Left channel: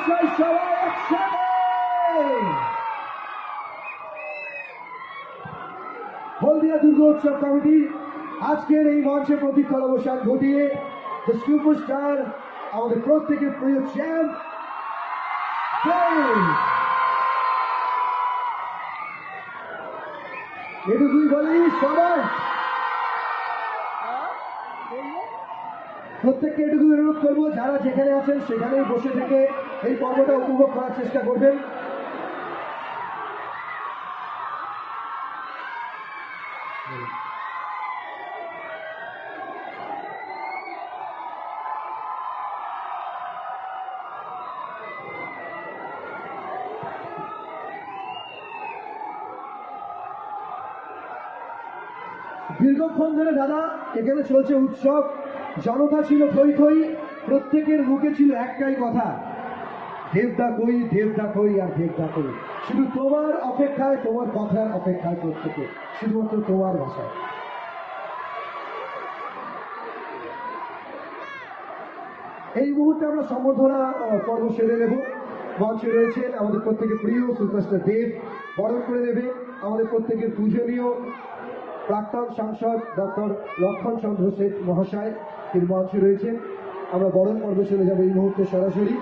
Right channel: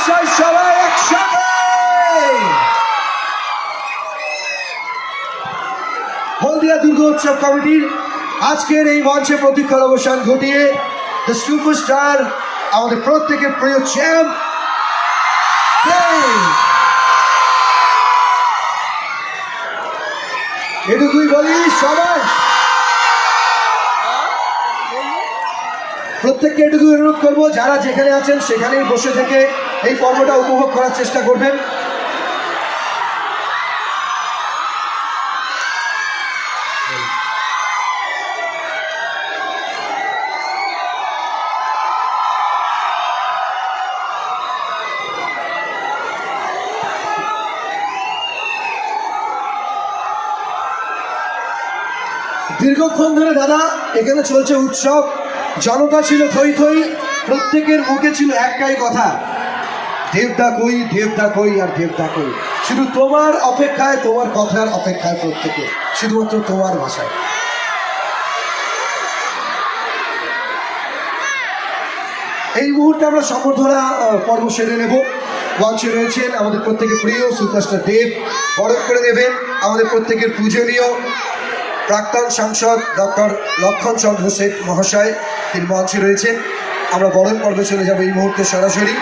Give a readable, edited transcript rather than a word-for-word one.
মহাশয় সবাই একসাথে হলদিয়া দুর্গোৎসব কমিটির আজকের এই মঞ্চে প্রতীক্ষার অবসান ঘটিয়ে দ্য সুপারস্টার আমাদের প্রত্যেকের প্রিয় চ্যাম্প এটুকুই বলি সবাই প্রত্যেককে এটুকু অনুরোধ করবো যারা যেখানে আছেন সেখানেই বসে থেকে এই পর্বটা উপভোগ করার চেষ্টা করবেন। দীর্ঘক্ষণ ধরে দাদা এখানে চলছে উৎসব, জনতা ছিল থই থই, প্রত্যেকের মুখে ছিল একটাই কথা, দেবদা কই, দেবদা কই আর দেবদা কই। শুধু তোমার অপেক্ষায়, তোমার কথার অপেক্ষায় প্রত্যেকে, শুধুমাত্র তোমার ভাষায়। এই মুহূর্তে আমরা সম্বর্ধনা পর্ব সেরে নেব। মঞ্চে রয়েছেন আমাদের প্রত্যেকের প্রিয় সুপারস্টার দেব, বরণ করে নেবেন আমাদের প্রত্যেকের পূজনীয় প্রাক্তন সাংসদ ডক্টর লক্ষণ চন্দ্র শেঠ মহাশয়, তিনি মঞ্চে রয়েছেন। আমরা বরণ পর্বে চলে যাব এই মুহূর্তে সরাসরি।